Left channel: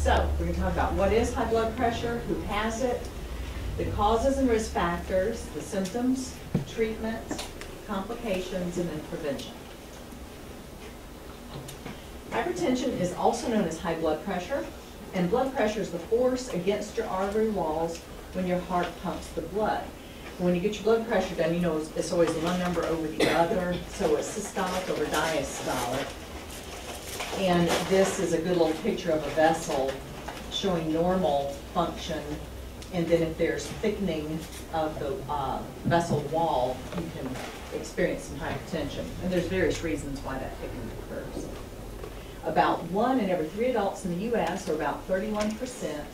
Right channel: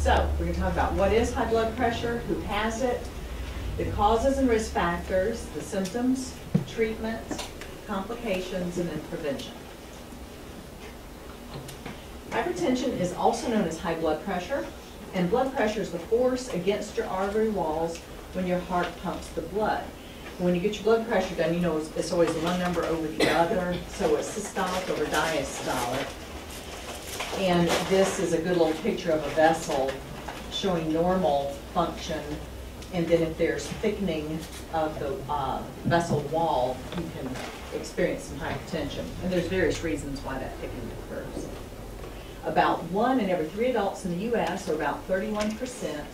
So we're going to talk about what is high blood pressure, who has it, the causes and risk factors, the symptoms, treatment, complications, and then prevention. Hypertension is also known as high blood pressure, and blood pressure is the force against your artery walls when your heart pumps the blood. When you get your blood pressure done, you know it's always one number over the other, so it's systolic over diastolic. And this is a good little picture of a vessel showing normal function, and then if there's thickening of the vessel wall, you can experience some hypertension. And there's various reasons why that thickening occurs. About 1 in every 3 adults in the U.S., or about 31%,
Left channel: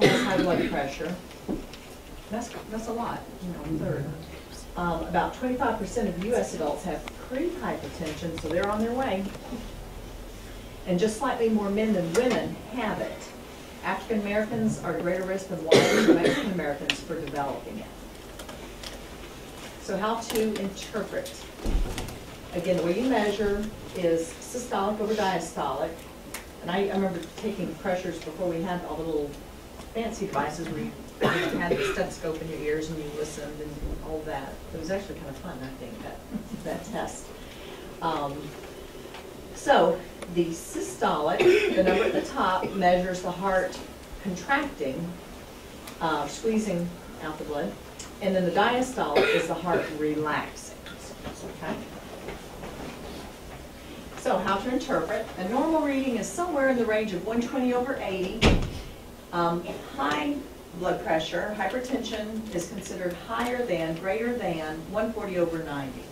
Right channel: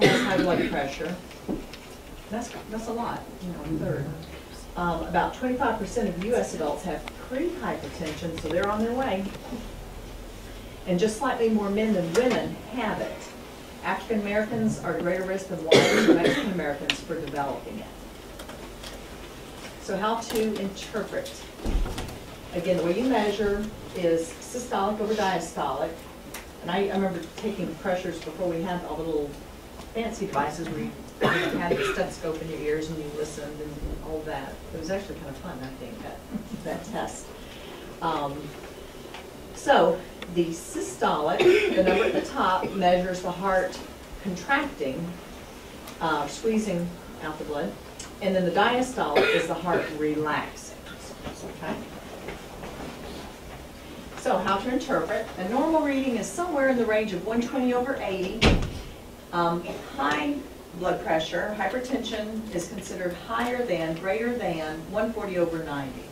has high blood pressure. That's a lot, you know, a third. About 25% of U.S. adults have pre-hypertension, so they're on their way. And just slightly more men than women have it. African Americans are at greater risk than white and Mexican Americans for developing it. So how to interpret? Again, the way you measure is systolic over diastolic. And I remember taking pressures before we had all the little fancy devices where you had the stethoscope in your ears and you listened and all that. It was actually kind of fun, I think, that test. So the systolic, the number at the top, measures the heart contracting, squeezing out the blood. And then the diastolic is the heart relaxing. Okay? So how to interpret. A normal reading is somewhere in the range of 120 over 80. High blood pressure, hypertension, is considered higher than, greater than 140 over 90.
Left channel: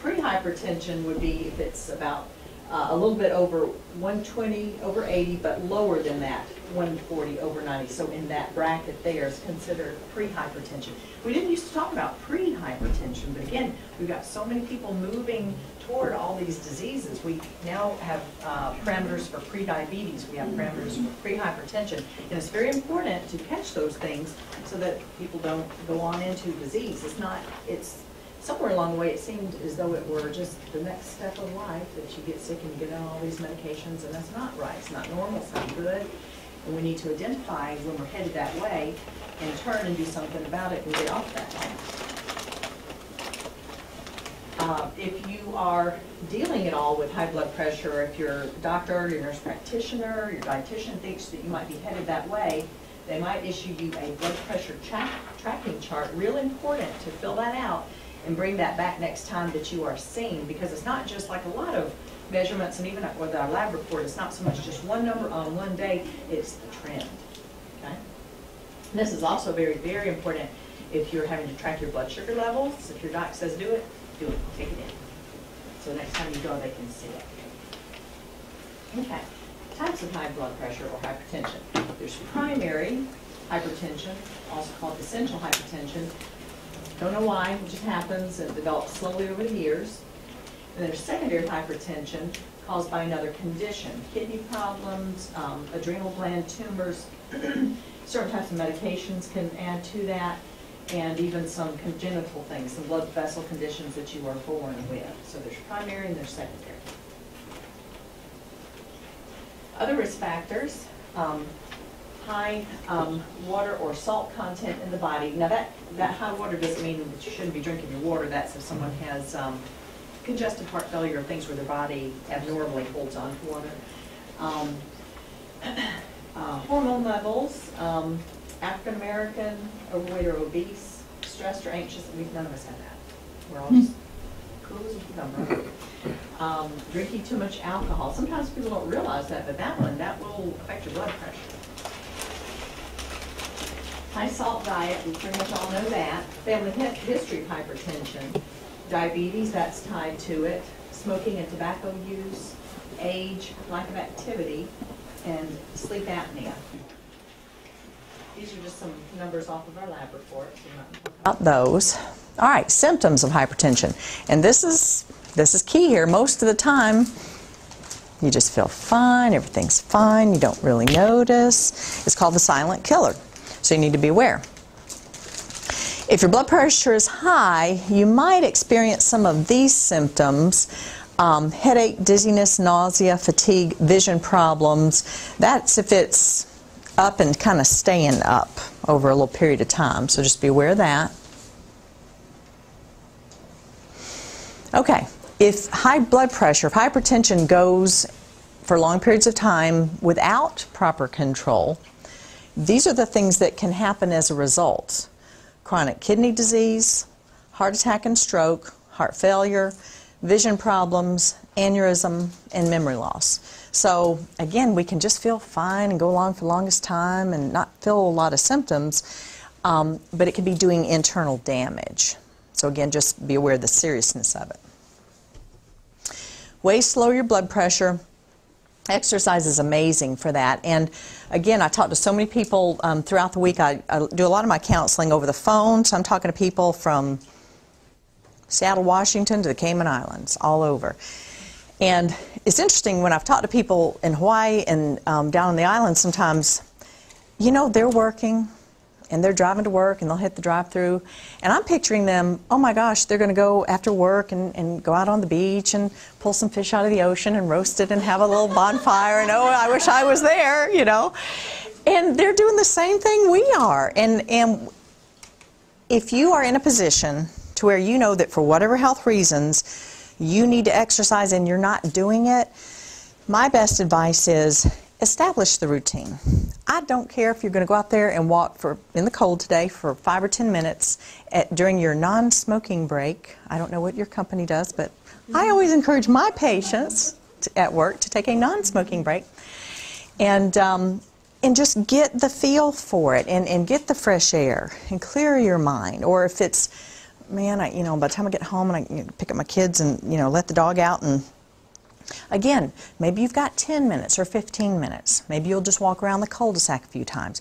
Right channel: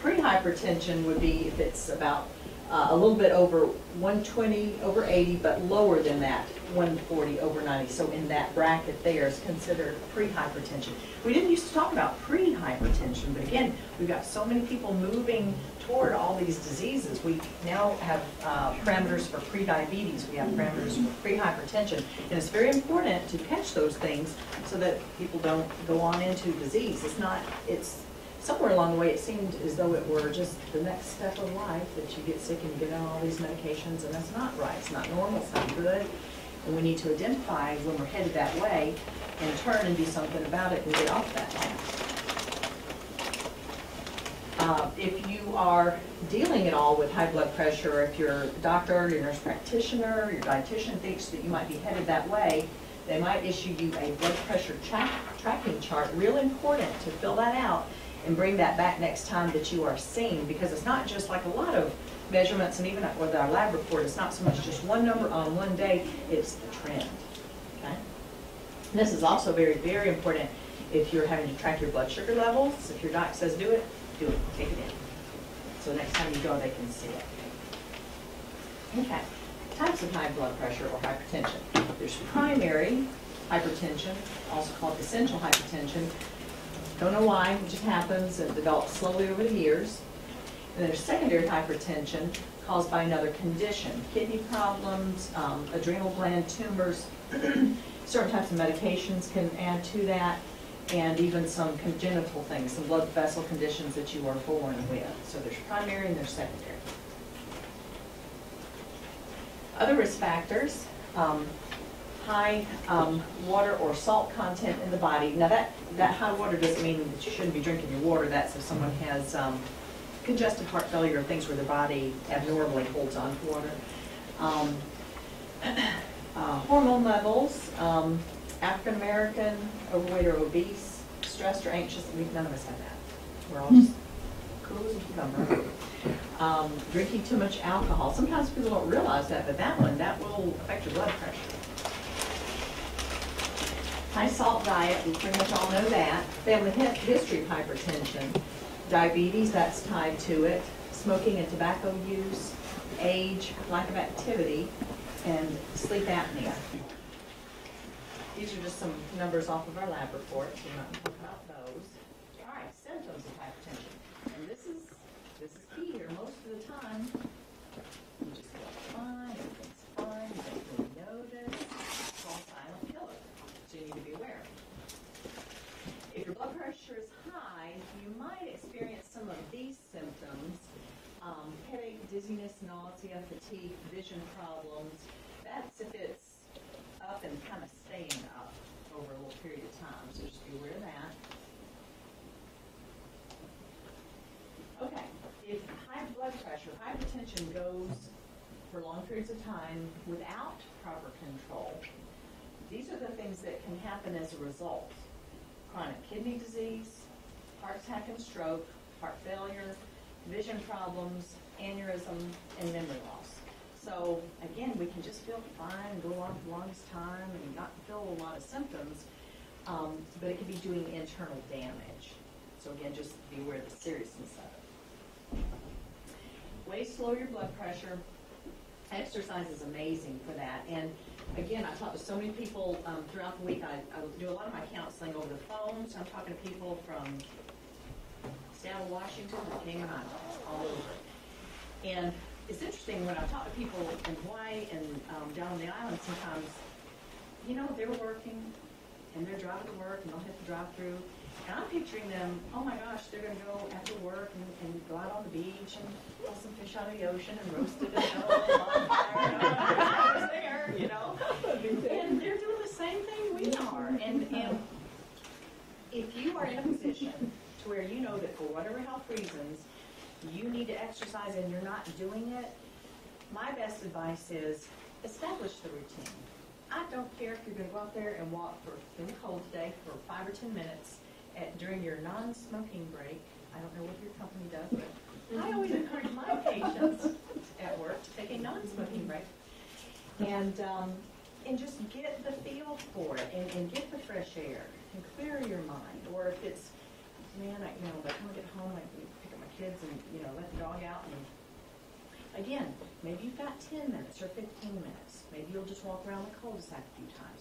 Pre-hypertension would be if it's about a little bit over 120 over 80, but lower than that, 140 over 90. So in that bracket there is considered pre-hypertension. We didn't used to talk about pre-hypertension, but again, we've got so many people moving toward all these diseases. We now have parameters for pre-diabetes. We have parameters for pre-hypertension. And it's very important to catch those things so that people don't go on into disease. It's somewhere along the way, it seemed as though it were just the next step of life that you get sick and you get on all these medications, and that's not right. It's not normal. It's not good. And we need to identify when we're headed that way and turn and do something about it and get off that path. If you are dealing at all with high blood pressure, if your doctor, your nurse practitioner, your dietitian thinks that you might be headed that way, they might issue you a blood pressure tracking chart. Real important to fill that out and bring that back next time that you are seen, because it's not just like a lot of measurements, and even with our lab report, it's not so much just one number on one day, it's the trend. Okay? And this is also very, very important if you're having to track your blood sugar levels. If your doc says do it, take it in. So next time you go, they can see it. Okay, types of high blood pressure or hypertension. There's primary hypertension, also called essential hypertension. Don't know why, it just happens and develops slowly over the years. And there's secondary hypertension caused by another condition. Kidney problems, adrenal gland tumors, certain types of medications can add to that, and even some congenital things, some blood vessel conditions that you are born with. So there's primary and there's secondary. Other risk factors, high water or salt content in the body. Now that high water doesn't mean that you shouldn't be drinking your water. That's if someone has congestive heart failure or things where their body abnormally holds on to water. Hormone levels, African American, overweight or obese, stressed or anxious. None of us have that. We're all just cool as a cucumber. Drinking too much alcohol. Sometimes people don't realize that, but that will affect your blood pressure. High salt diet, we pretty much all know that. Family history of hypertension. Diabetes, that's tied to it. Smoking and tobacco use. Age, lack of activity, and sleep apnea. These are just some numbers off of our lab report. About those. All right, symptoms of hypertension. And this is key here. Most of the time, you just feel fine, everything's fine, you don't really notice. It's called the silent killer. So you need to be aware. If your blood pressure is high, you might experience some of these symptoms. Headache, dizziness, nausea, fatigue, vision problems. That's if it's up and kind of staying up over a little period of time. So just be aware of that. Okay, if high blood pressure, if hypertension goes for long periods of time without proper control, these are the things that can happen as a result. Chronic kidney disease, heart attack and stroke, heart failure, vision problems, aneurysm, and memory loss. So again, we can just feel fine and go along for the longest time and not feel a lot of symptoms, but it could be doing internal damage. So again, just be aware of the seriousness of it. Ways to lower your blood pressure. Exercise is amazing for that. And again, I talk to so many people throughout the week. I do a lot of my counseling over the phone, so I'm talking to people from Seattle, Washington to the Cayman Islands, all over. And it's interesting when I've talked to people in Hawaii and down on the islands sometimes, you know, they're working and they're driving to work and they'll hit the drive-through. And I'm picturing them, oh my gosh, they're going to go after work and go out on the beach and pull some fish out of the ocean and roast it and have a little bonfire and oh, I wish I was there, you know. And they're doing the same thing we are. And if you are in a position to where you know that for whatever health reasons you need to exercise and you're not doing it, my best advice is establish the routine. I don't care if you're going to go out there and walk in the cold today for 5 or 10 minutes during your non-smoking break. I don't know what your company does, but I always encourage my patients at work to take a non-smoking break and just get the feel for it and get the fresh air and clear your mind. Or if it's, man, by the time I get home and I pick up my kids and let the dog out, and again, maybe you've got 10 minutes or 15 minutes. Maybe you'll just walk around the cul-de-sac a few times.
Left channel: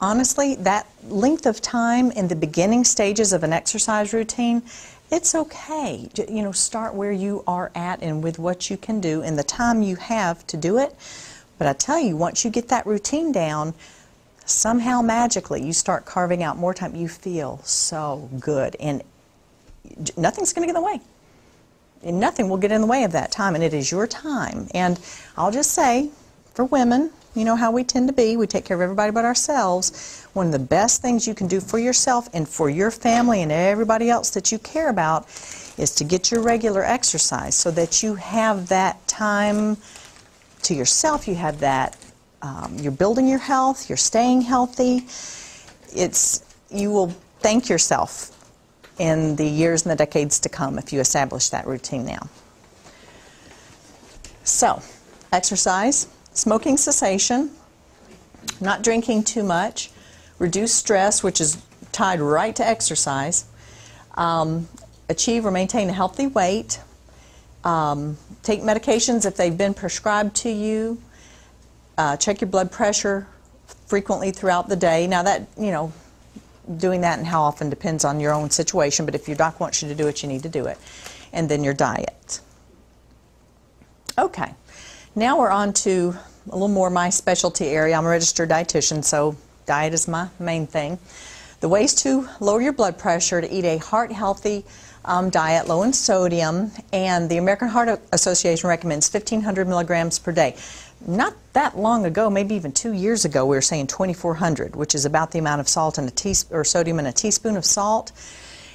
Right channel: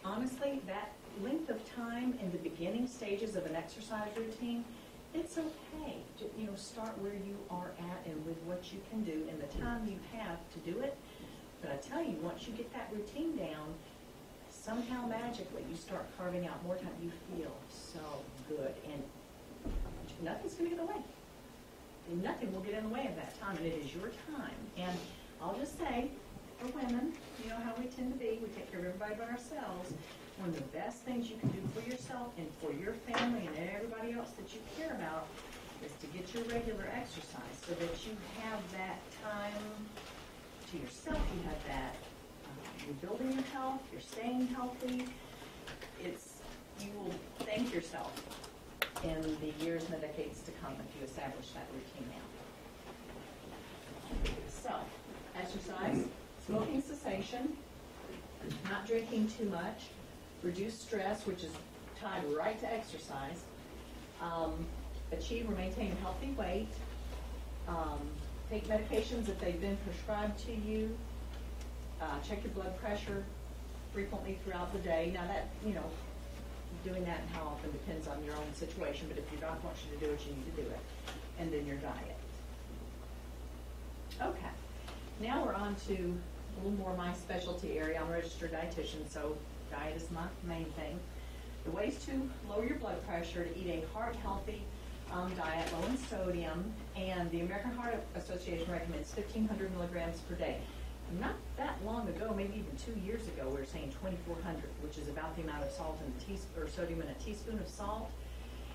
Honestly, that length of time in the beginning stages of an exercise routine, it's okay. Start where you are at and with what you can do and the time you have to do it. But I tell you, once you get that routine down, somehow magically you start carving out more time. You feel so good, and nothing's going to get in the way. And nothing will get in the way of that time, and it is your time. And I'll just say, for women, you know how we tend to be. We take care of everybody but ourselves. One of the best things you can do for yourself and for your family and everybody else that you care about is to get your regular exercise so that you have that time to yourself. You have that, you're building your health, you're staying healthy. You will thank yourself in the years and the decades to come if you establish that routine now. So, exercise, smoking cessation, not drinking too much, reduce stress, which is tied right to exercise, achieve or maintain a healthy weight, take medications if they've been prescribed to you, check your blood pressure frequently throughout the day. Now that, doing that and how often depends on your own situation, but if your doc wants you to do it, you need to do it. And then your diet. Okay, now we're on to a little more my specialty area. I'm a registered dietitian, so diet is my main thing. The ways to lower your blood pressure: to eat a heart-healthy diet, low in sodium, and the American Heart Association recommends 1,500 milligrams per day. Not that long ago, maybe even 2 years ago, we were saying 2,400, which is about the amount of salt in sodium in a teaspoon of salt.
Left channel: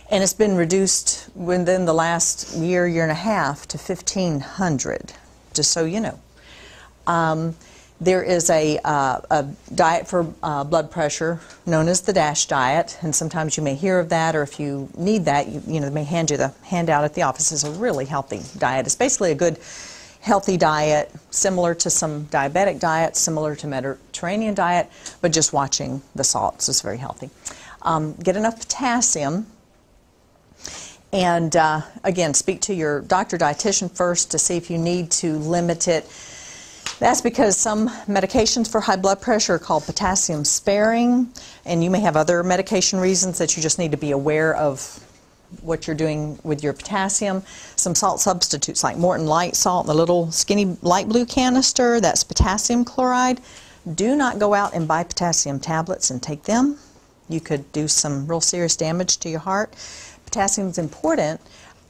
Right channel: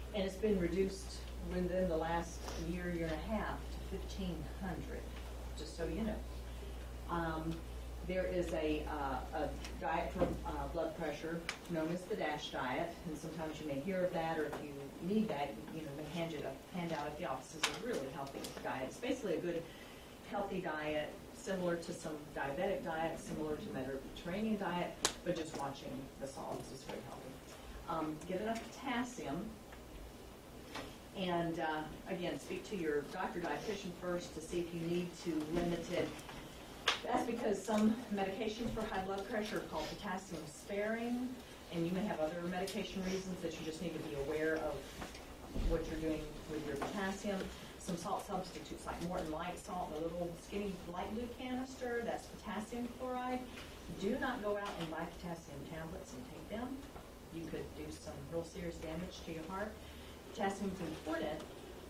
And it's been reduced within the last year and a half to 1,500, just so you know. There is a diet for blood pressure known as the DASH diet, and sometimes you may hear of that, or if you need that, they may hand you the handout at the office. It's a really healthy diet. It's basically a good healthy diet, similar to some diabetic diets, similar to Mediterranean diet, but just watching the salts is very healthy. Get enough potassium, and again, speak to your doctor dietitian first to see if you need to limit it. That's because some medications for high blood pressure are called potassium sparing, and you may have other medication reasons that you just need to be aware of what you're doing with your potassium. Some salt substitutes like Morton Light Salt, the little skinny light blue canister, that's potassium chloride. Do not go out and buy potassium tablets and take them. You could do some real serious damage to your heart. Potassium is important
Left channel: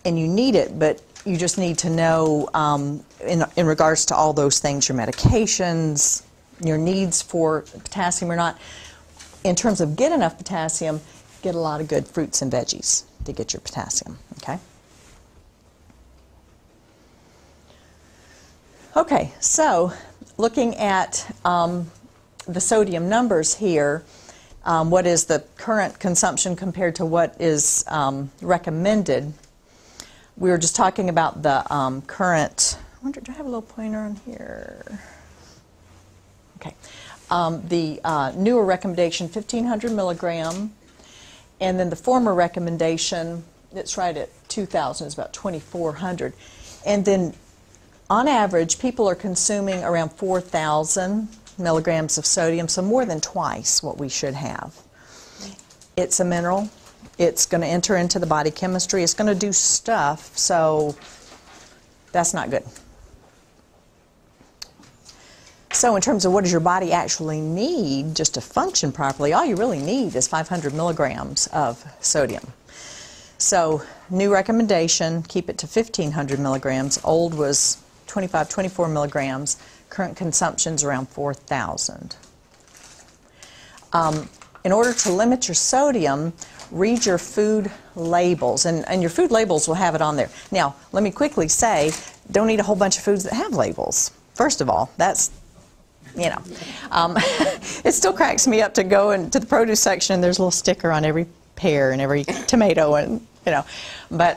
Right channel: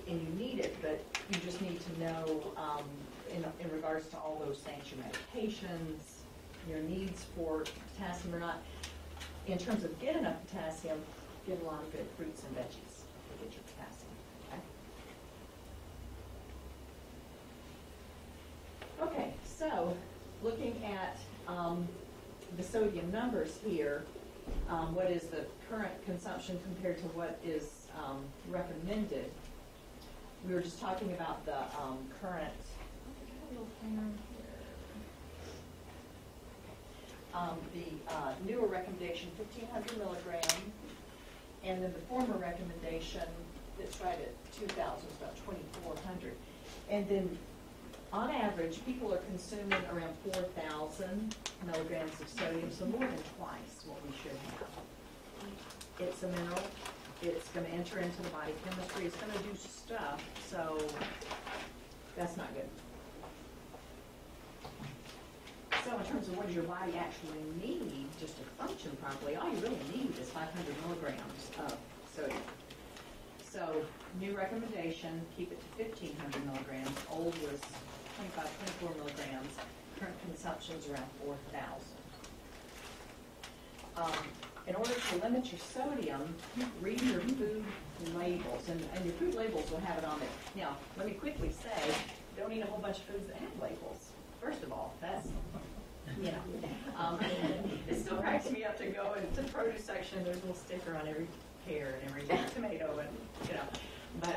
and you need it, but you just need to know in regards to all those things, your medications, your needs for potassium or not. In terms of get enough potassium, get a lot of good fruits and veggies to get your potassium, okay? Okay, so looking at the sodium numbers here, what is the current consumption compared to what is recommended? We were just talking about the current, I wonder, do I have a little pointer on here? Okay. The newer recommendation, 1,500 milligram, and then the former recommendation, it's right at 2,000, it's about 2,400. And then on average, people are consuming around 4,000 milligrams of sodium, so more than twice what we should have. It's a mineral. It's going to enter into the body chemistry. It's going to do stuff, so that's not good. So in terms of what does your body actually need just to function properly, all you really need is 500 milligrams of sodium. So new recommendation, keep it to 1,500 milligrams. Old was 25, 24 milligrams. Current consumption's around 4,000. In order to limit your sodium, read your food labels, and your food labels will have it on there. Now, let me quickly say, don't eat a whole bunch of foods that have labels. First of all, that's, you know, it still cracks me up to go into the produce section and there's a little sticker on every pear and every tomato, and, you know. But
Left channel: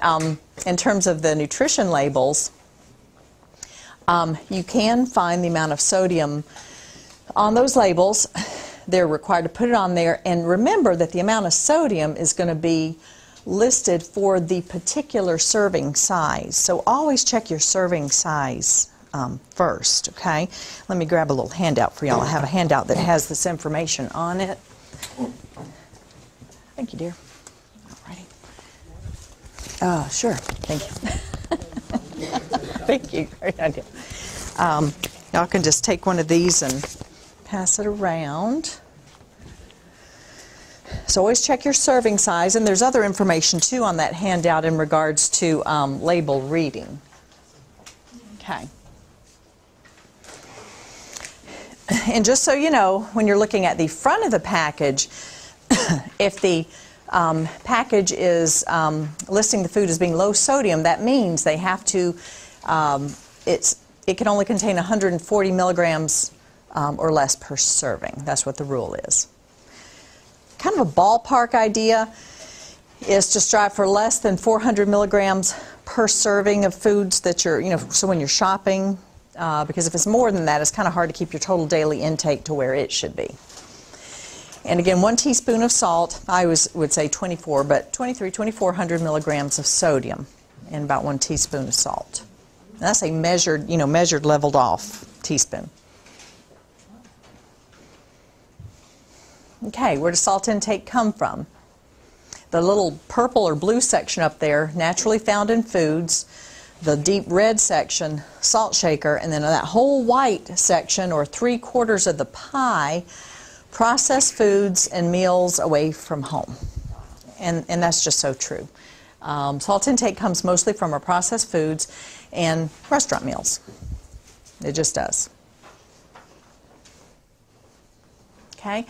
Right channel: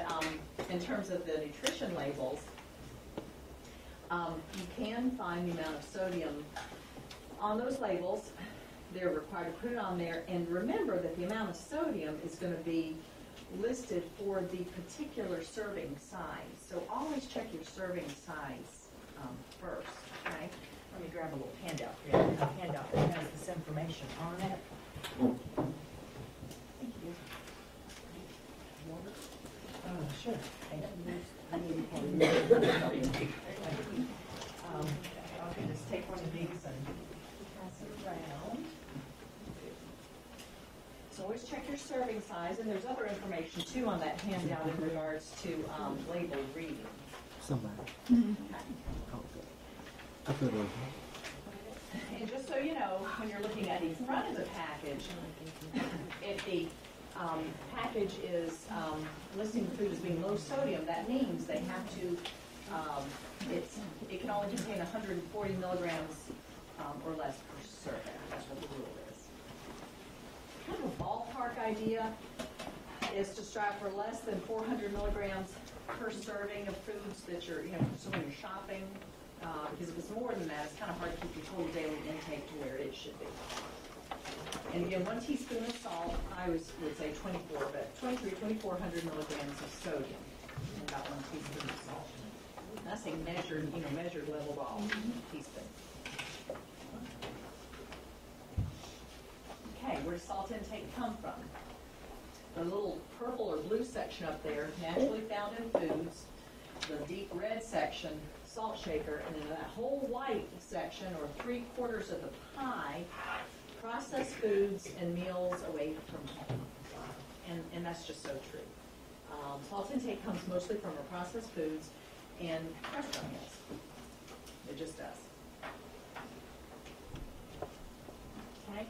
in terms of the nutrition labels, you can find the amount of sodium on those labels. They're required to put it on there, and remember that the amount of sodium is going to be listed for the particular serving size. So always check your serving size first, okay? Let me grab a little handout for y'all. I have a handout that has this information on it. Thank you, dear. All righty. Sure. Thank you. Thank you. Great idea. Y'all can just take one of these and pass it around. So always check your serving size, and there's other information too on that handout in regards to label reading. Okay. And just so you know, when you're looking at the front of the package, if the package is listing the food as being low sodium, that means they have to, it can only contain 140 milligrams or less per serving. That's what the rule is. Kind of a ballpark idea is to strive for less than 400 milligrams per serving of foods that you're, you know, so when you're shopping, because if it's more than that, it's kind of hard to keep your total daily intake to where it should be. And again, 1 teaspoon of salt, I would say 24, but 2,400 milligrams of sodium and about 1 teaspoon of salt. And that's a measured, measured leveled off teaspoon. Okay, where does salt intake come from? The little purple or blue section up there, naturally found in foods. The deep red section, salt shaker, and then that whole white section, or 3/4 of the pie, processed foods and meals away from home. And that's just so true. Salt intake comes mostly from our processed foods and restaurant meals. It just does. Okay.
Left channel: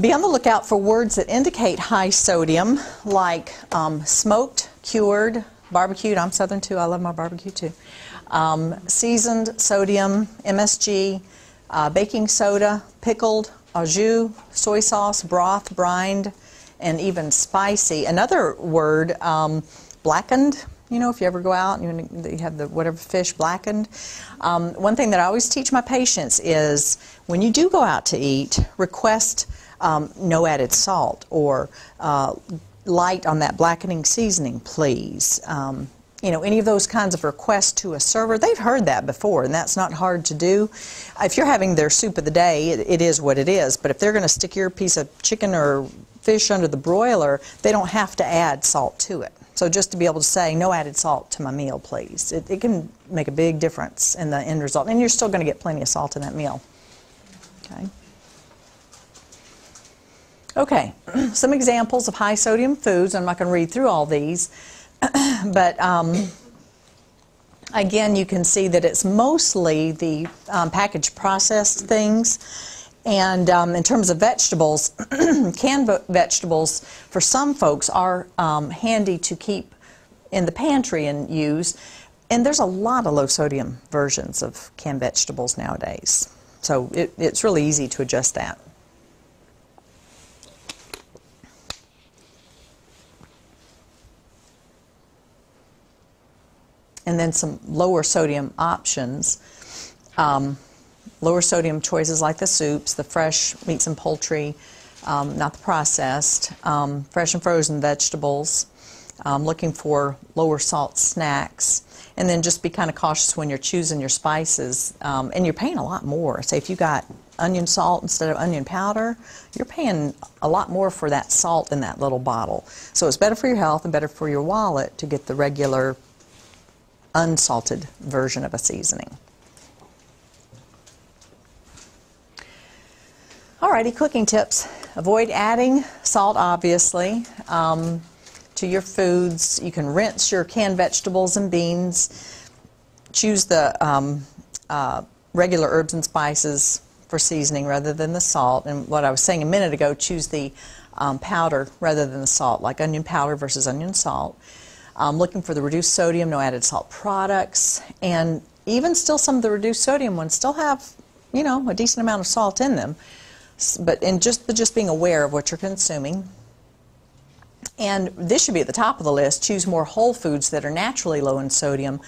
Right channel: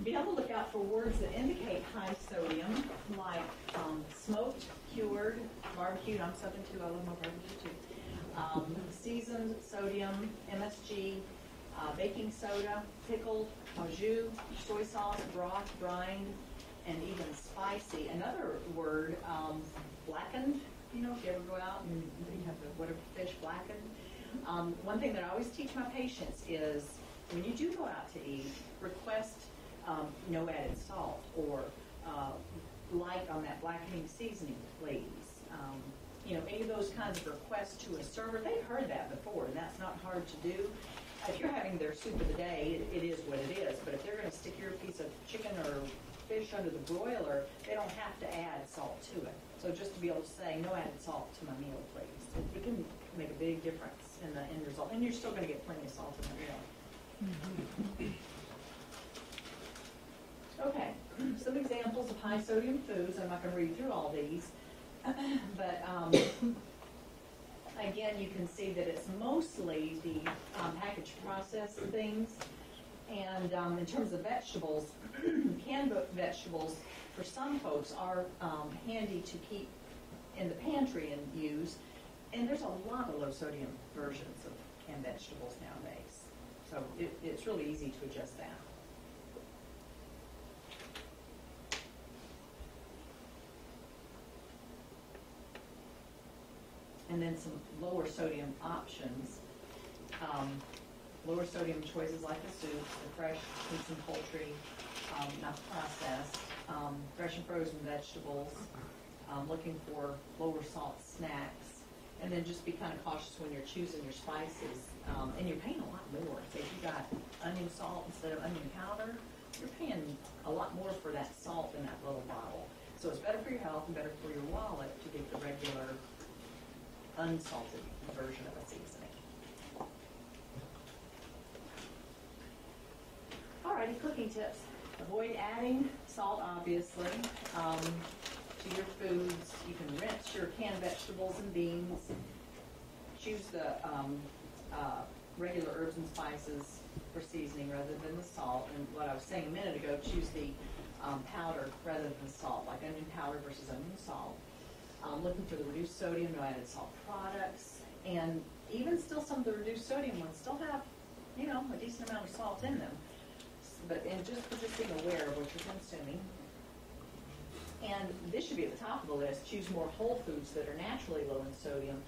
Be on the lookout for words that indicate high sodium, like smoked, cured, barbecued. I'm Southern too. I love my barbecue too. Seasoned, sodium, MSG, baking soda, pickled, au jus, soy sauce, broth, brined, and even spicy. Another word, blackened. You know, if you ever go out and you have the whatever fish blackened. One thing that I always teach my patients is when you do go out to eat, request no added salt or light on that blackening seasoning, please. You know, any of those kinds of requests to a server, they've heard that before, and that's not hard to do. If you're having their soup of the day, it is what it is. But if they're going to stick your piece of chicken or fish under the broiler, they don't have to add salt to it. So just to be able to say, no added salt to my meal, please. It can make a big difference in the end result. And you're still going to get plenty of salt in that meal. Okay, some examples of high sodium foods. I'm not going to read through all these, but Again, you can see that it's mostly the packaged processed things. And in terms of vegetables, canned vegetables for some folks are handy to keep in the pantry and use. And there's a lot of low sodium versions of canned vegetables nowadays. So it's really easy to adjust that. And then some lower sodium options. Lower sodium choices like the soups, the fresh meats and poultry, not the processed, fresh and frozen vegetables, looking for lower salt snacks. And then just be kind of cautious when you're choosing your spices. And you're paying a lot more. Say if you got onion salt instead of onion powder, you're paying a lot more for that salt in that little bottle. So it's better for your health and better for your wallet to get the regular unsalted version of a seasoning. Alrighty, cooking tips. Avoid adding salt, obviously, to your foods. You can rinse your canned vegetables and beans. Choose the regular herbs and spices for seasoning rather than the salt. And what I was saying a minute ago, choose the powder rather than the salt, like onion powder versus onion salt. Looking for the reduced sodium, no added salt products. And even still, some of the reduced sodium ones still have, you know, a decent amount of salt in them. But in just being aware of what you're consuming. And this should be at the top of the list. Choose more whole foods that are naturally low in sodium.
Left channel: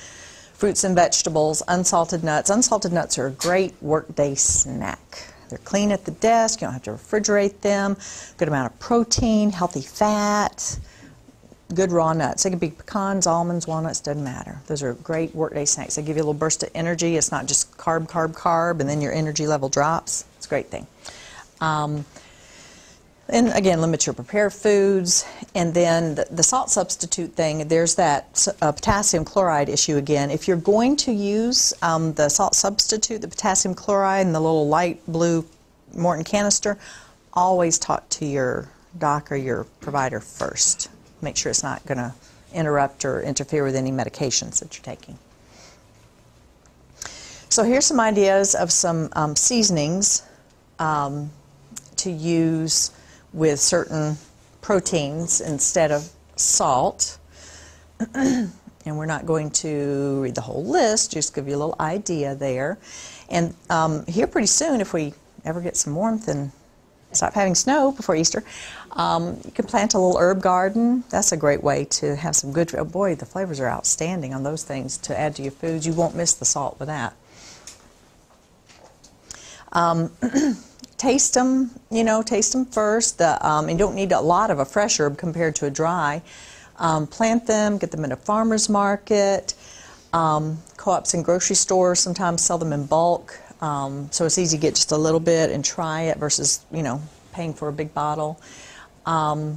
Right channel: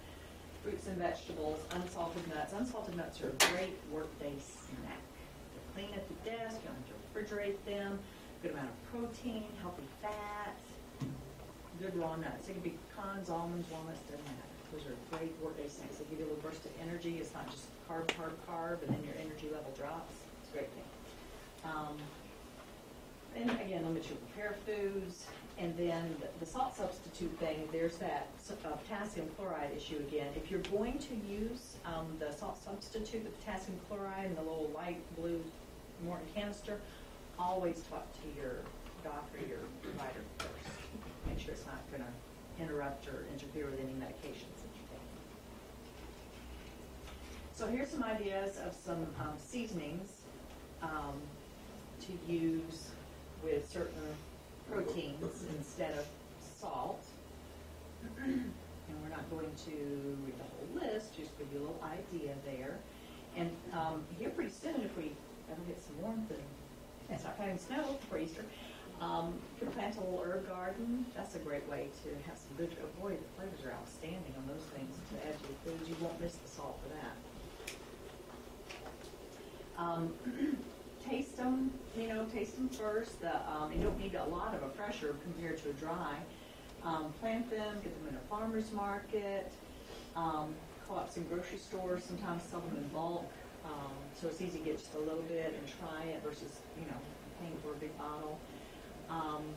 Fruits and vegetables, unsalted nuts. Unsalted nuts are a great workday snack. They're clean at the desk. You don't have to refrigerate them. Good amount of protein, healthy fat, good raw nuts. They can be pecans, almonds, walnuts, doesn't matter. Those are great workday snacks. They give you a little burst of energy. It's not just carb, carb, carb, and then your energy level drops. It's a great thing. And again, limit your prepared foods. And then the salt substitute thing, there's that potassium chloride issue again. If you're going to use the salt substitute, the potassium chloride and the little light blue Morton canister, always talk to your doc or your provider first. Make sure it's not going to interrupt or interfere with any medications that you're taking. So here's some ideas of some seasonings to use with certain proteins instead of salt. And we're not going to read the whole list, just give you a little idea there. And here pretty soon, if we ever get some warmth and stop having snow before Easter, you can plant a little herb garden. That's a great way to have some good, oh boy, the flavors are outstanding on those things to add to your foods. You won't miss the salt with that. Taste them, you know, taste them first. You don't need a lot of a fresh herb compared to a dry. Plant them, get them at a farmer's market. Co-ops and grocery stores sometimes sell them in bulk. So it's easy to get just a little bit and try it versus, you know, paying for a big bottle. And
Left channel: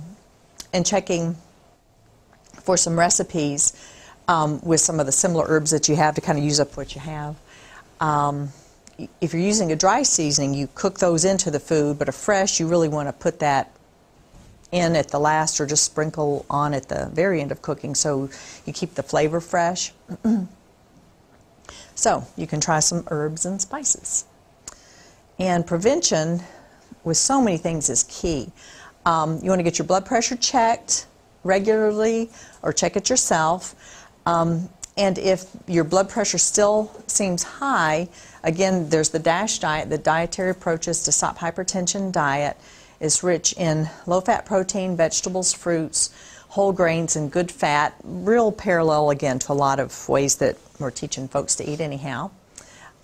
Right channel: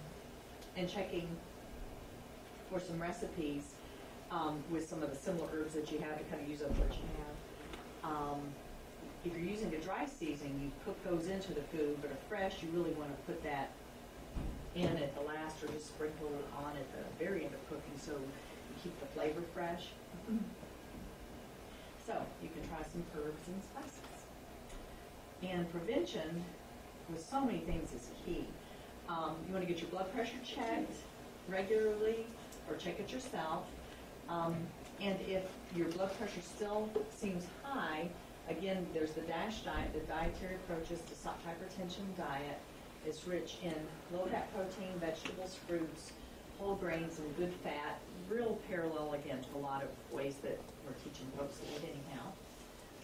checking for some recipes with some of the similar herbs that you have to kind of use up what you have. If you're using a dry seasoning, you cook those into the food, but a fresh, you really want to put that in at the last or just sprinkle on at the very end of cooking so you keep the flavor fresh. So you can try some herbs and spices. And prevention with so many things is key. You want to get your blood pressure checked regularly or check it yourself. And if your blood pressure still seems high, again, there's the DASH diet, the Dietary Approaches to Stop Hypertension diet. Is rich in low-fat protein, vegetables, fruits, whole grains, and good fat. Real parallel, again, to a lot of ways that we're teaching folks to eat anyhow.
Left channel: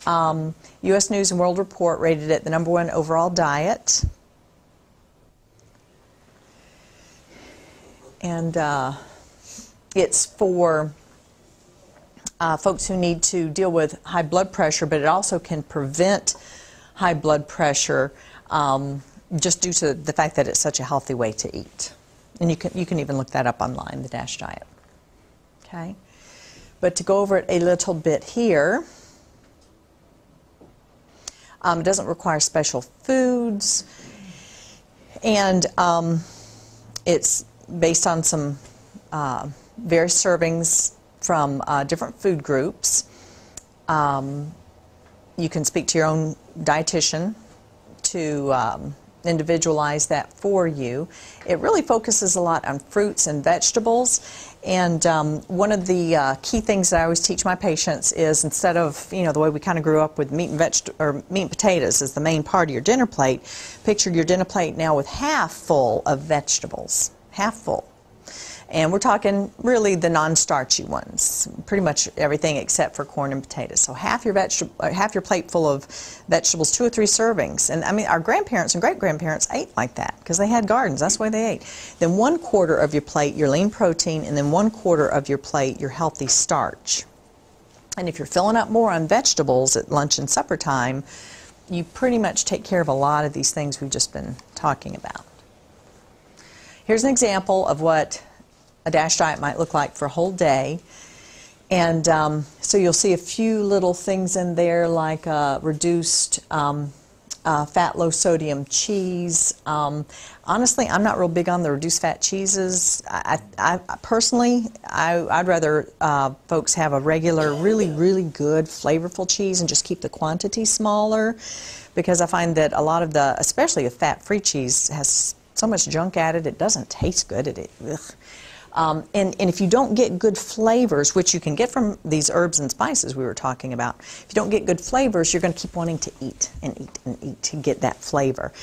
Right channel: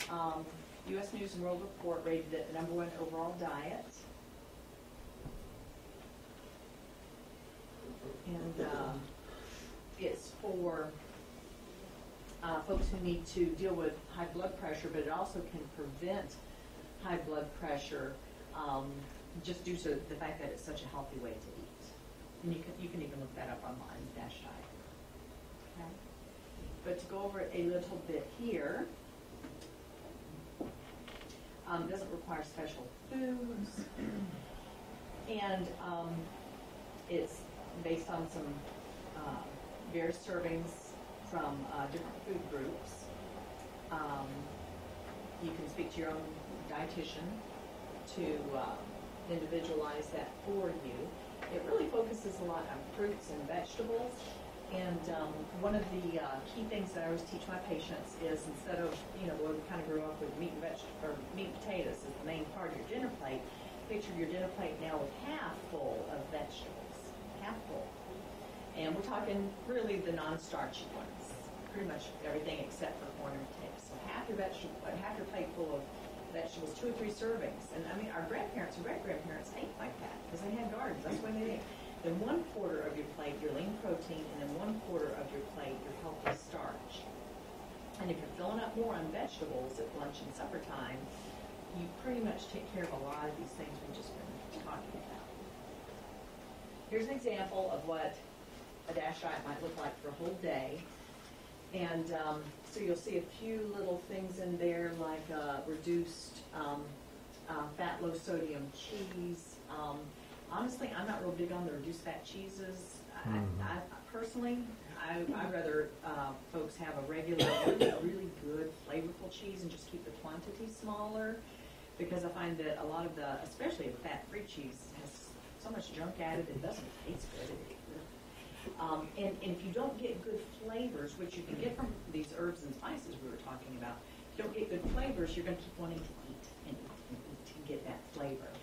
U.S. News & World Report rated it the #1 overall diet. And it's for folks who need to deal with high blood pressure, but it also can prevent high blood pressure just due to the fact that it's such a healthy way to eat. And you can even look that up online, the DASH diet. Okay, but to go over it a little bit here, it doesn't require special foods, and it's based on some various servings from different food groups. You can speak to your own dietitian to individualize that for you. It really focuses a lot on fruits and vegetables. And one of the key things that I always teach my patients is, instead of, you know, the way we kind of grew up with meat and potatoes as the main part of your dinner plate, picture your dinner plate now with half full of vegetables, half full. And we're talking really the non-starchy ones, pretty much everything except for corn and potatoes. So half your plate full of vegetables, 2 or 3 servings. And I mean, our grandparents and great-grandparents ate like that because they had gardens. That's the way they ate. Then 1/4 of your plate, your lean protein, and then 1/4 of your plate, your healthy starch. And if you're filling up more on vegetables at lunch and supper time, you pretty much take care of a lot of these things we've just been talking about. Here's an example of what a DASH diet might look like for a whole day. And so you'll see a few little things in there, like reduced fat, low sodium cheese. Honestly, I'm not real big on the reduced fat cheeses. Personally, I'd rather folks have a regular, really good, flavorful cheese and just keep the quantity smaller, because I find that a lot of the, especially the fat-free cheese, has so much junk added, it doesn't taste good. And if you don't get good flavors, which you can get from these herbs and spices we were talking about, if you don't get good flavors, you're going to keep wanting to eat and eat and eat to get that flavor.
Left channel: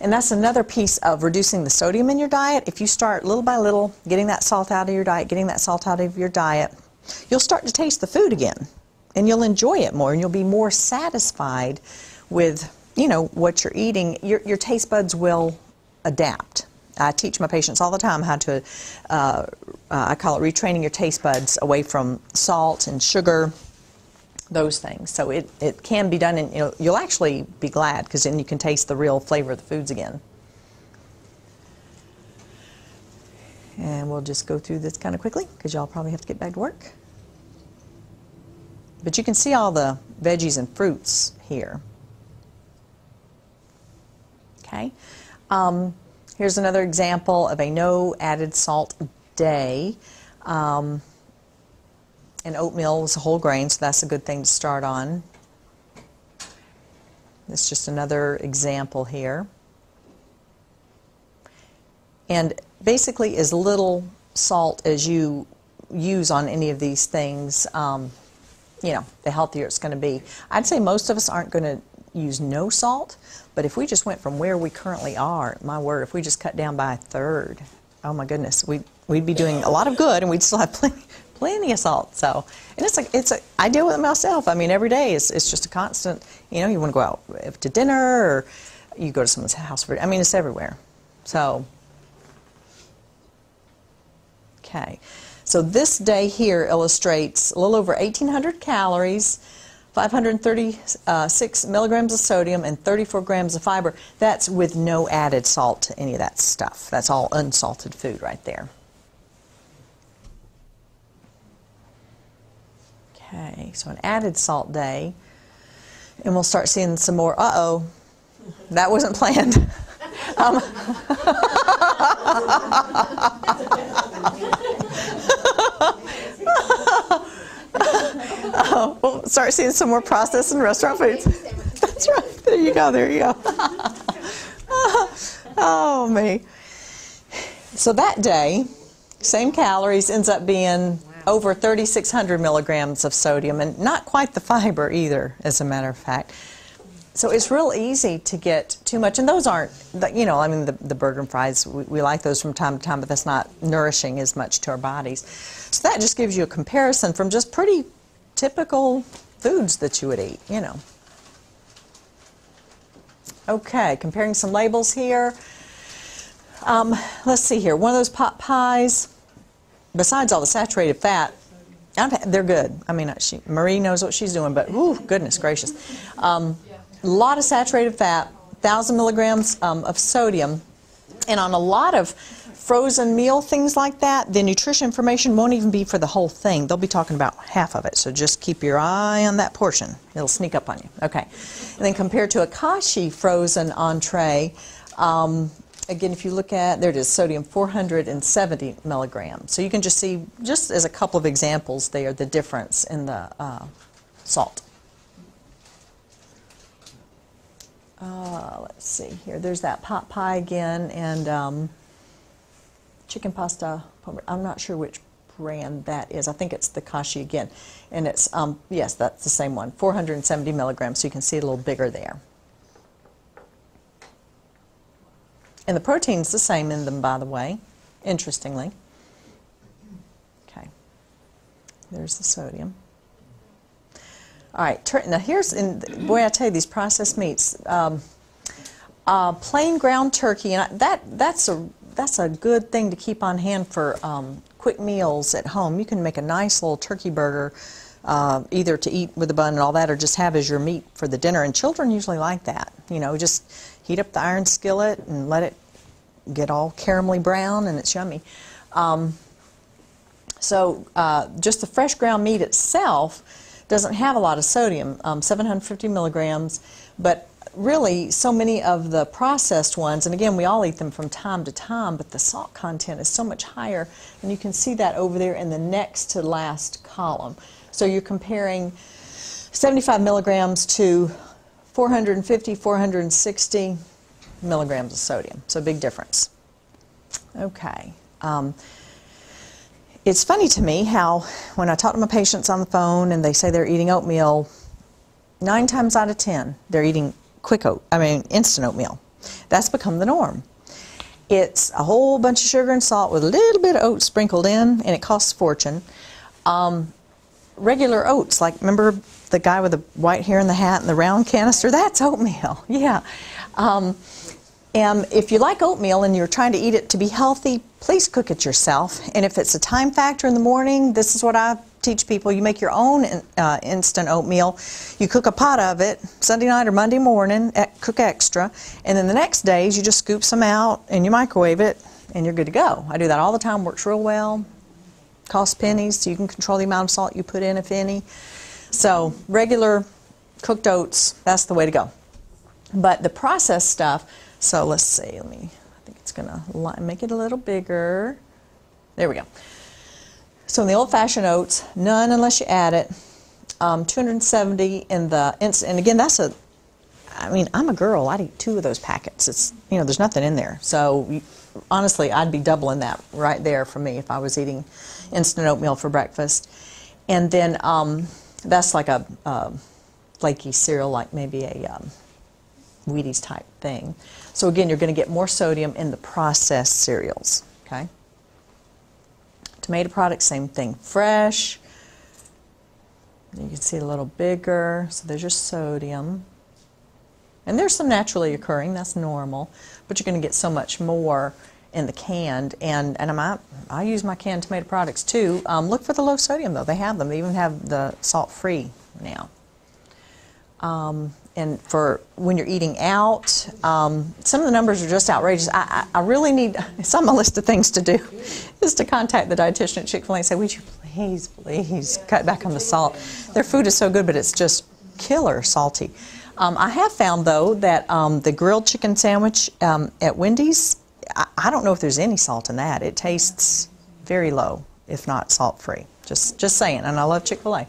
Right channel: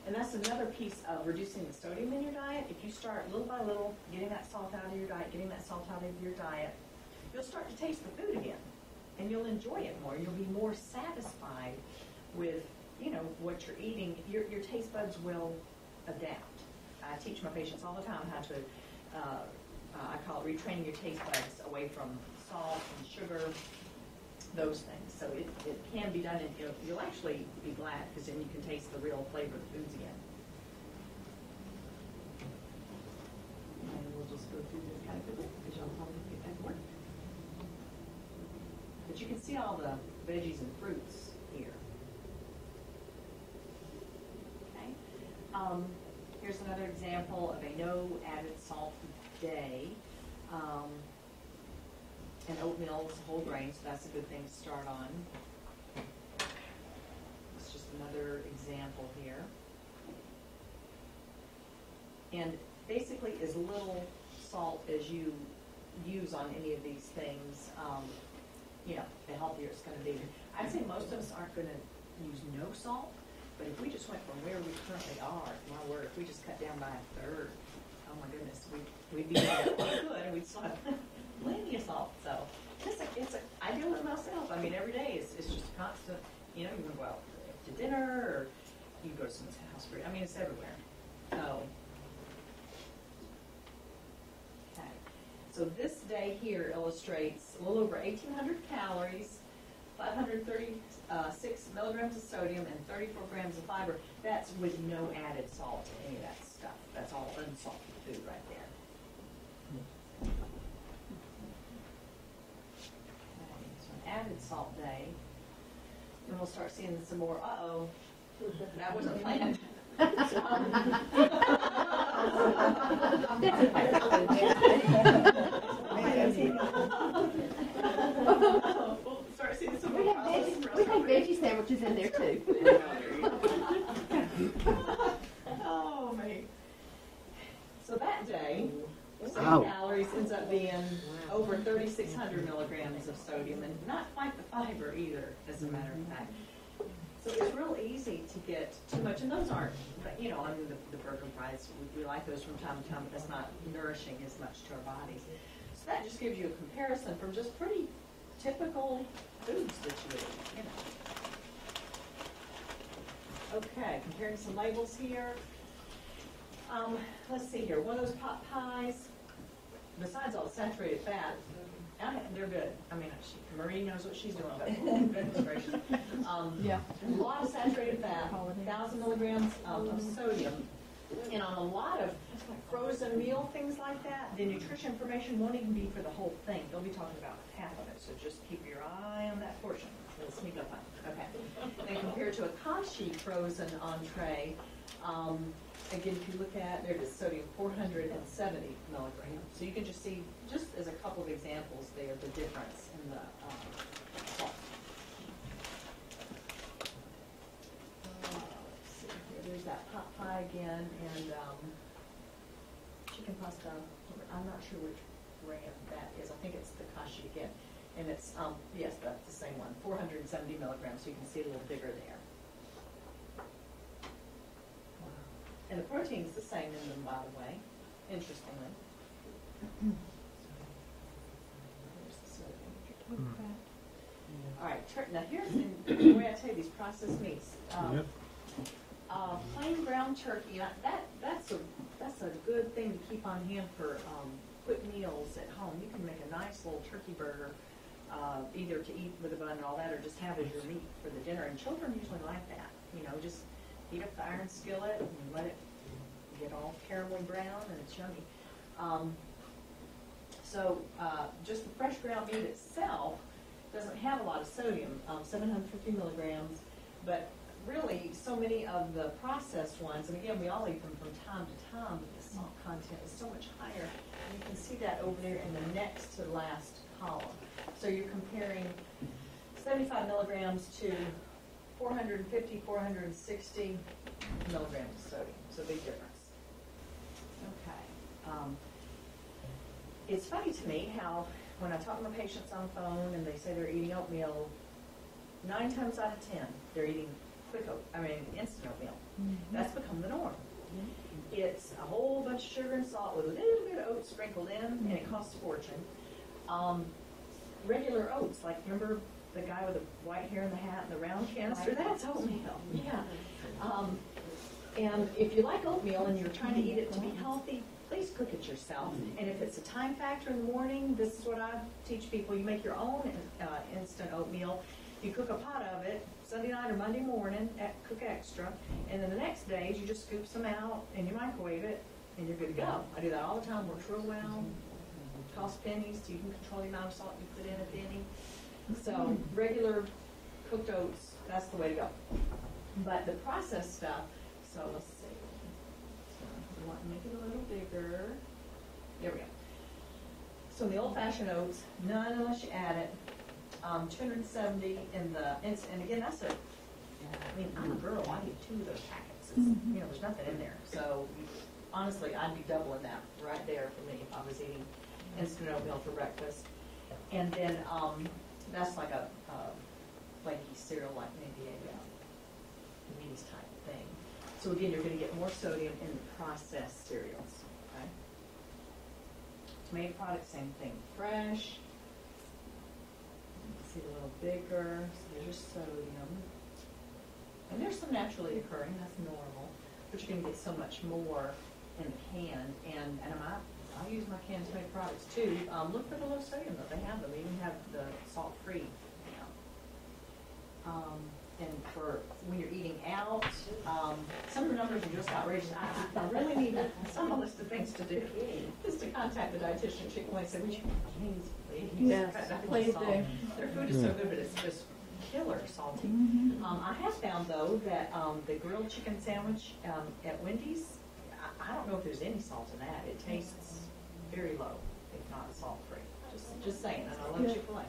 And that's another piece of reducing the sodium in your diet. If you start little by little getting that salt out of your diet, you'll start to taste the food again, and you'll enjoy it more, and you'll be more satisfied with, you know, what you're eating. Your taste buds will adapt. I teach my patients all the time how to, I call it retraining your taste buds away from salt and sugar, those things. So it can be done, and you'll actually be glad, because then you can taste the real flavor of the foods again. And we'll just go through this kind of quickly, because y'all probably have to get back to work. But you can see all the veggies and fruits here. Okay. Here's another example of a no added salt day. And oatmeal is a whole grain, so that's a good thing to start on. This is just another example here. And basically, as little salt as you use on any of these things, you know, the healthier it's going to be. I'd say most of us aren't going to use no salt, but if we just went from where we currently are, my word, if we just cut down by 1/3, oh my goodness, we'd be doing a lot of good, and we'd still have plenty of salt. So, and I deal with it myself. I mean, every day it's just a constant. You know, you want to go out to dinner, or you go to someone's house for. I mean, it's everywhere. So, okay. So this day here illustrates a little over 1,800 calories, 536 milligrams of sodium, and 34 grams of fiber. That's with no added salt to any of that stuff. That's all unsalted food right there. Okay, so an added salt day. And we'll start seeing some more. Uh-oh, that wasn't planned. We'll start seeing some more processed and restaurant foods. That's right. There you go. There you go. Oh, me. So that day, same calories, ends up being over 3,600 milligrams of sodium, and not quite the fiber either, as a matter of fact. So it's real easy to get too much, and those aren't, you know, I mean, the burger and fries, we like those from time to time, but that's not nourishing as much to our bodies. So that just gives you a comparison from just pretty typical foods that you would eat, you know. Okay, comparing some labels here. Let's see here. One of those pot pies, besides all the saturated fat, they're good. I mean, Marie knows what she's doing, but ooh, goodness gracious. A lot of saturated fat, 1,000 milligrams of sodium, and on a lot of frozen meal things like that, the nutrition information won't even be for the whole thing. They'll be talking about half of it, so just keep your eye on that portion. It'll sneak up on you. Okay. And then compared to a Kashi frozen entree, again, if you look at, there it is, sodium 470 milligrams. So you can just see, just as a couple of examples there, the difference in the salt. Let's see here. There's that pot pie again, and chicken pasta. I'm not sure which brand that is. I think it's the Kashi again. And it's, yes, that's the same one, 470 milligrams. So you can see it a little bigger there. And the protein's the same in them, by the way, interestingly. Okay. There's the sodium. All right, now here's, boy, I tell you, these processed meats. Plain ground turkey, and that's a good thing to keep on hand for quick meals at home. You can make a nice little turkey burger, either to eat with a bun and all that, or just have as your meat for the dinner. And children usually like that. You know, just heat up the iron skillet and let it get all caramelly brown, and it's yummy. Just the fresh ground meat itself doesn't have a lot of sodium, 750 milligrams, but really so many of the processed ones, and again, we all eat them from time to time, but the salt content is so much higher, and you can see that over there in the next to last column. So you're comparing 75 milligrams to 450, 460 milligrams of sodium, so big difference. Okay. It's funny to me how when I talk to my patients on the phone and they say they're eating oatmeal, 9 times out of 10 they're eating instant oatmeal. That's become the norm. It's a whole bunch of sugar and salt with a little bit of oats sprinkled in, and it costs a fortune. Regular oats, like remember the guy with the white hair and the hat and the round canister? That's oatmeal, yeah. And if you like oatmeal and you're trying to eat it to be healthy, please cook it yourself. And if it's a time factor in the morning, this is what I teach people. You make your own instant oatmeal. You cook a pot of it Sunday night or Monday morning, cook extra, and then the next days you just scoop some out and you microwave it and you're good to go. I do that all the time, works real well, costs pennies, so you can control the amount of salt you put in, if any. So regular cooked oats, that's the way to go. But the processed stuff, so let's see, I think it's going to make it a little bigger. There we go. So in the old-fashioned oats, none unless you add it. 270 in the instant, and again, I'm a girl, I'd eat 2 of those packets. It's, you know, there's nothing in there. So honestly, I'd be doubling that right there for me if I was eating instant oatmeal for breakfast. And then that's like a flaky cereal, like maybe a Wheaties type thing. So again, you're going to get more sodium in the processed cereals, okay? Tomato products, same thing, fresh. You can see it a little bigger, so there's your sodium. And there's some naturally occurring, that's normal, but you're going to get so much more in the canned. And I use my canned tomato products too. Look for the low sodium though, they have them. They even have the salt-free now. And for when you're eating out, some of the numbers are just outrageous. I really need, it's on my list of things to do, is to contact the dietitian at Chick-fil-A and say, would you please cut back on the salt. Their food is so good, but it's just killer salty. I have found though that the grilled chicken sandwich at Wendy's, I don't know if there's any salt in that. It tastes very low, if not salt-free. Just saying, and I love Chick-fil-A.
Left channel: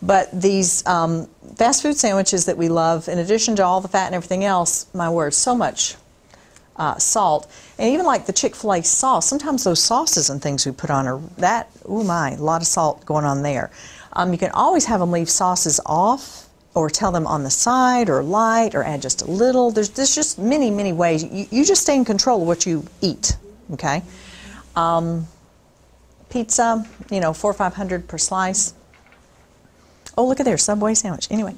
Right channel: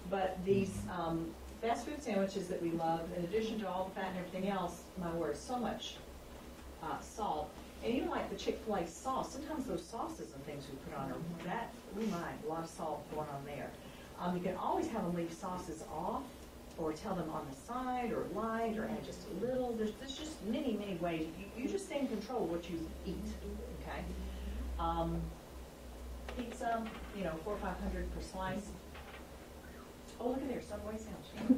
But these fast food sandwiches that we love, in addition to all the fat and everything else, my word, so much salt. And even like the Chick-fil-A sauce, sometimes those sauces and things we put on are that, oh my, a lot of salt going on there. You can always have them leave sauces off, or tell them on the side, or light, or add just a little. There's just many, many ways. You just stay in control of what you eat, okay? Pizza, you know, 400 or 500 per slice. Oh, look at there, Subway sandwich. Anyway.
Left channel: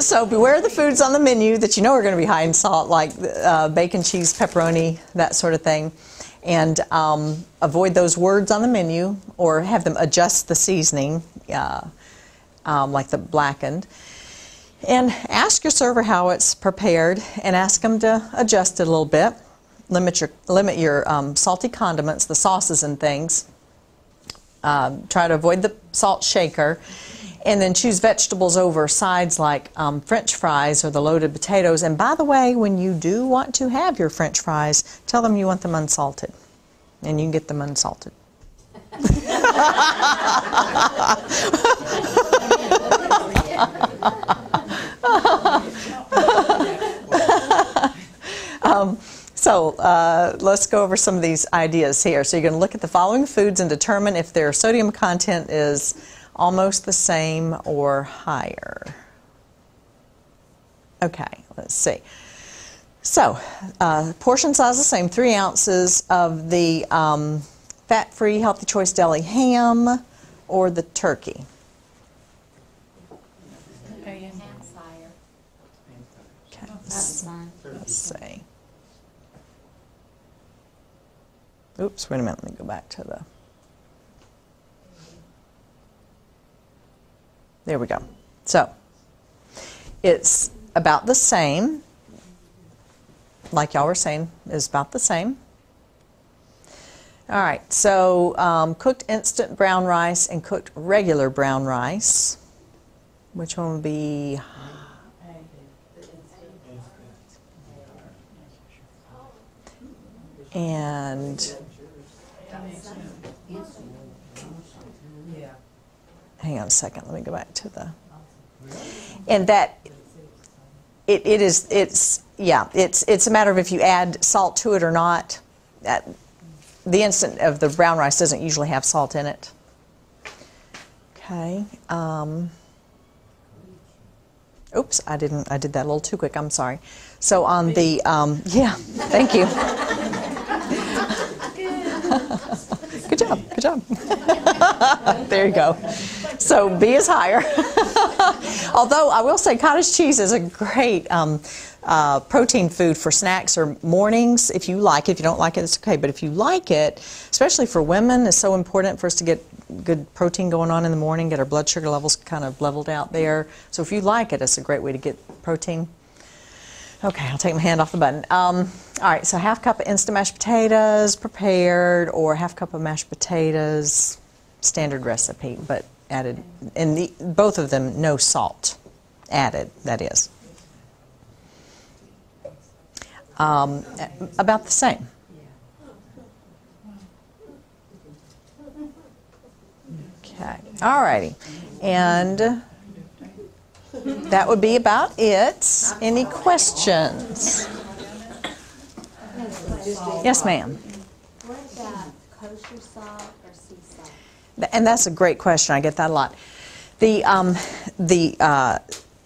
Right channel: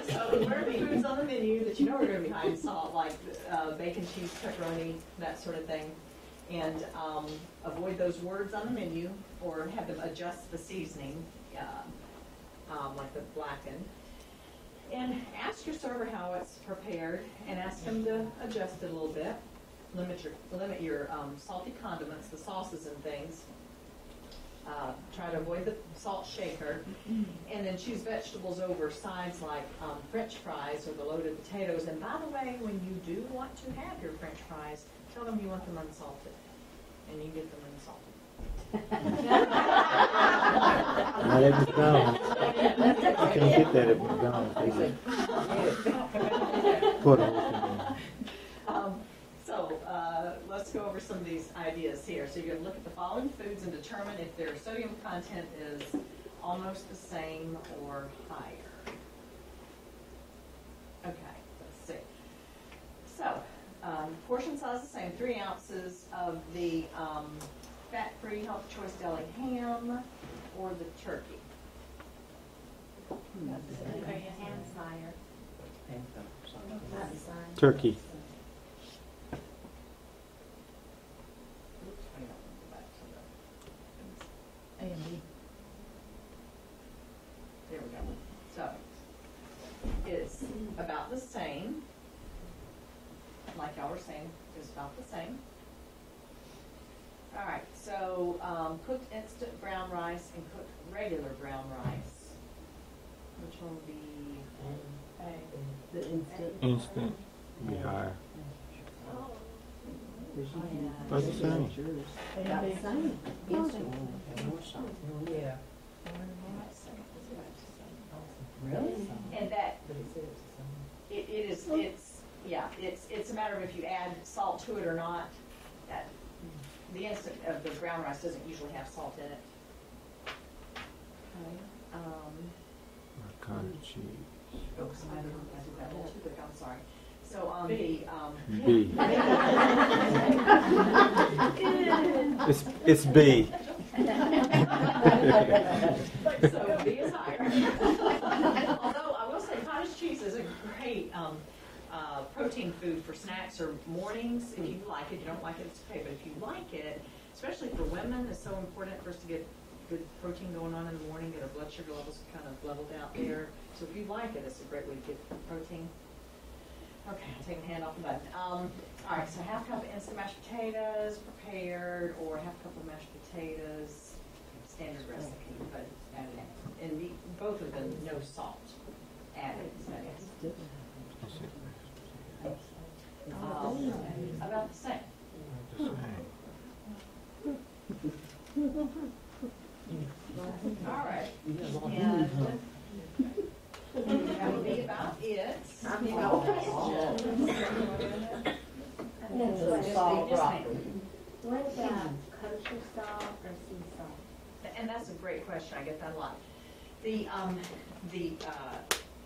So beware the foods on the menu that you know are going to be high in salt, like bacon, cheese, pepperoni, that sort of thing. And avoid those words on the menu, or have them adjust the seasoning, like the blackened. And ask your server how it's prepared, and ask them to adjust it a little bit. limit your salty condiments, the sauces and things. Try to avoid the salt shaker, and then choose vegetables over sides like French fries or the loaded potatoes. And by the way, when you do want to have your French fries, tell them you want them unsalted, and you can get them unsalted. So let's go over some of these ideas here. So you're going to look at the following foods and determine if their sodium content is almost the same or higher. Okay, let's see. So portion size the same, 3 ounces of the fat-free Healthy Choice Deli ham or the turkey. Okay, your ham's higher. Okay, That's fine. Turkey. let's see. Oops, wait a minute, let me go back to the, there we go. So, it's about the same, like y'all were saying, is about the same. All right, so cooked instant brown rice and cooked regular brown rice. Which one would be? Instant. Be higher. And hang on a second, let me go back to the, and that it's a matter of if you add salt to it or not. The instant of the brown rice doesn't usually have salt in it. Okay. Oops, I did that a little too quick. I'm sorry. So on the yeah, thank you. It's Good B. job. Good job. There you go. So B is higher. Although I will say cottage cheese is a great protein food for snacks or mornings if you like it. If you don't like it, it's okay. But if you like it, especially for women, it's so important for us to get good protein going on in the morning, get our blood sugar levels kind of leveled out there. So if you like it, it's a great way to get protein. Okay, I'll take my hand off the button. All right, so half cup of instant mashed potatoes prepared, or half cup of mashed potatoes, standard recipe, but added, in both of them, no salt added, that is. About the same. Okay, all righty. And that would be about it. Any questions? Yes, ma'am. What about kosher salt or sea salt? And that's a great question. I get that a lot. The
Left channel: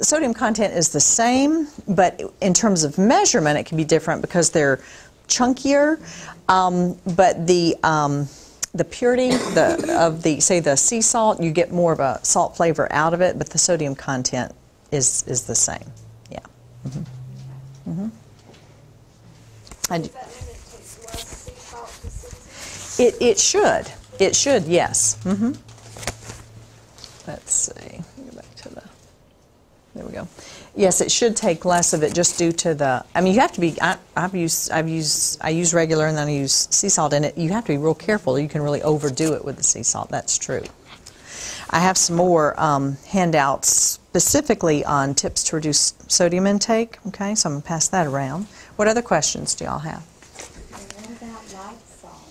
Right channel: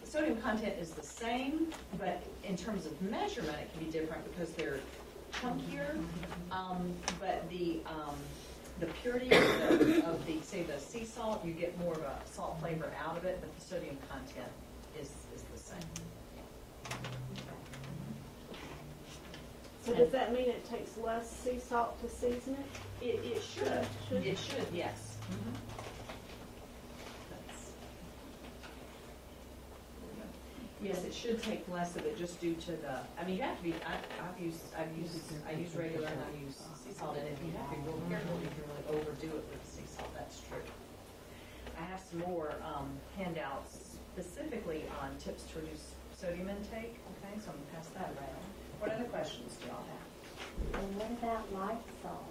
sodium content is the same, but in terms of measurement, it can be different because they're chunkier. But the purity of the, say, the sea salt, you get more of a salt flavor out of it, but the sodium content is the same. Yeah. Mm-hmm. Mm-hmm. So does that mean it takes less sea salt to season it? It should. It should, yes. Mm-hmm. Let's see. Go back to the, there we go. Yes, it should take less of it just due to the, I mean, you have to be, I use regular and then I use sea salt in it. You have to be real careful. You can really overdo it with the sea salt. That's true. I have some more handouts specifically on tips to reduce sodium intake. Okay, so I'm going to pass that around. What other questions do y'all have? And what about light salt?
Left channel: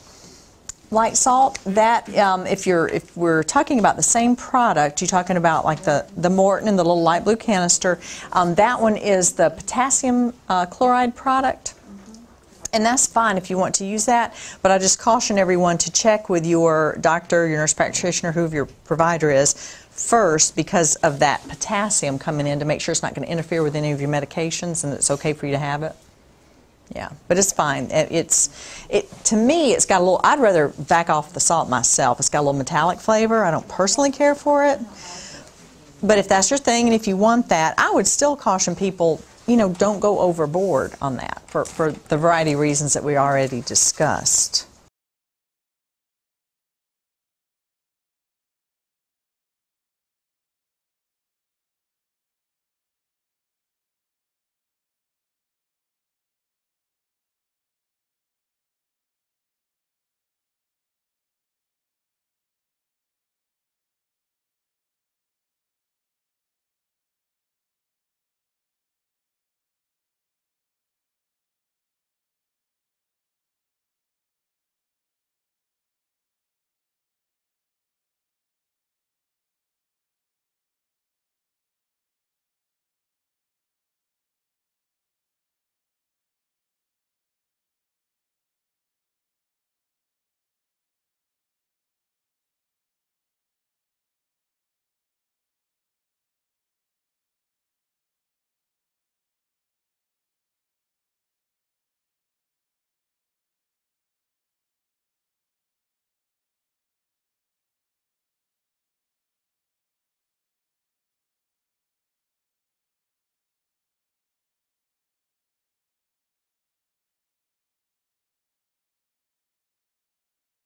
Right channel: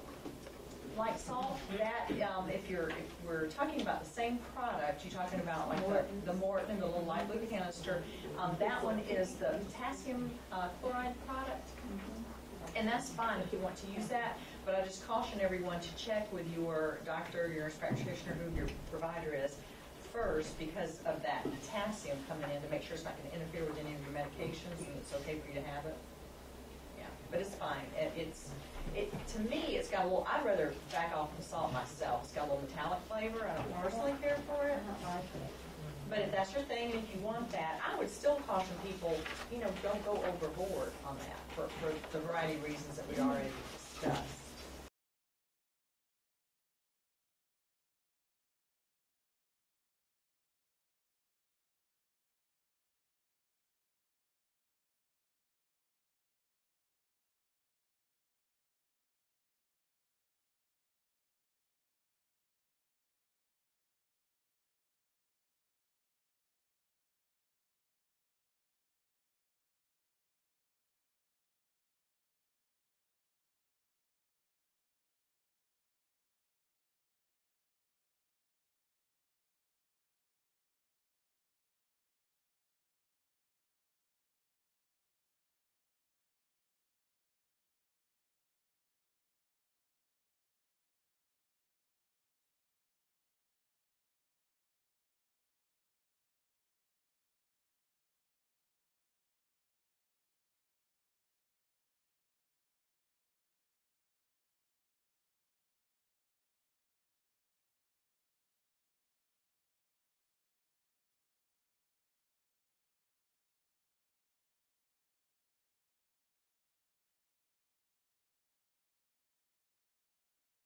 Light salt, that if we're talking about the same product, you're talking about like the Morton and the little light blue canister, that one is the potassium chloride product. And that's fine if you want to use that, but I just caution everyone to check with your doctor, your nurse practitioner, whoever your provider is, first because of that potassium coming in to make sure it's not going to interfere with any of your medications and it's okay for you to have it. Yeah, but it's fine. To me, it's got a little, I'd rather back off the salt myself. It's got a little metallic flavor. I don't personally care for it. But if that's your thing and if you want that, I would still caution people, you know, don't go overboard on that for the variety of reasons that we already discussed.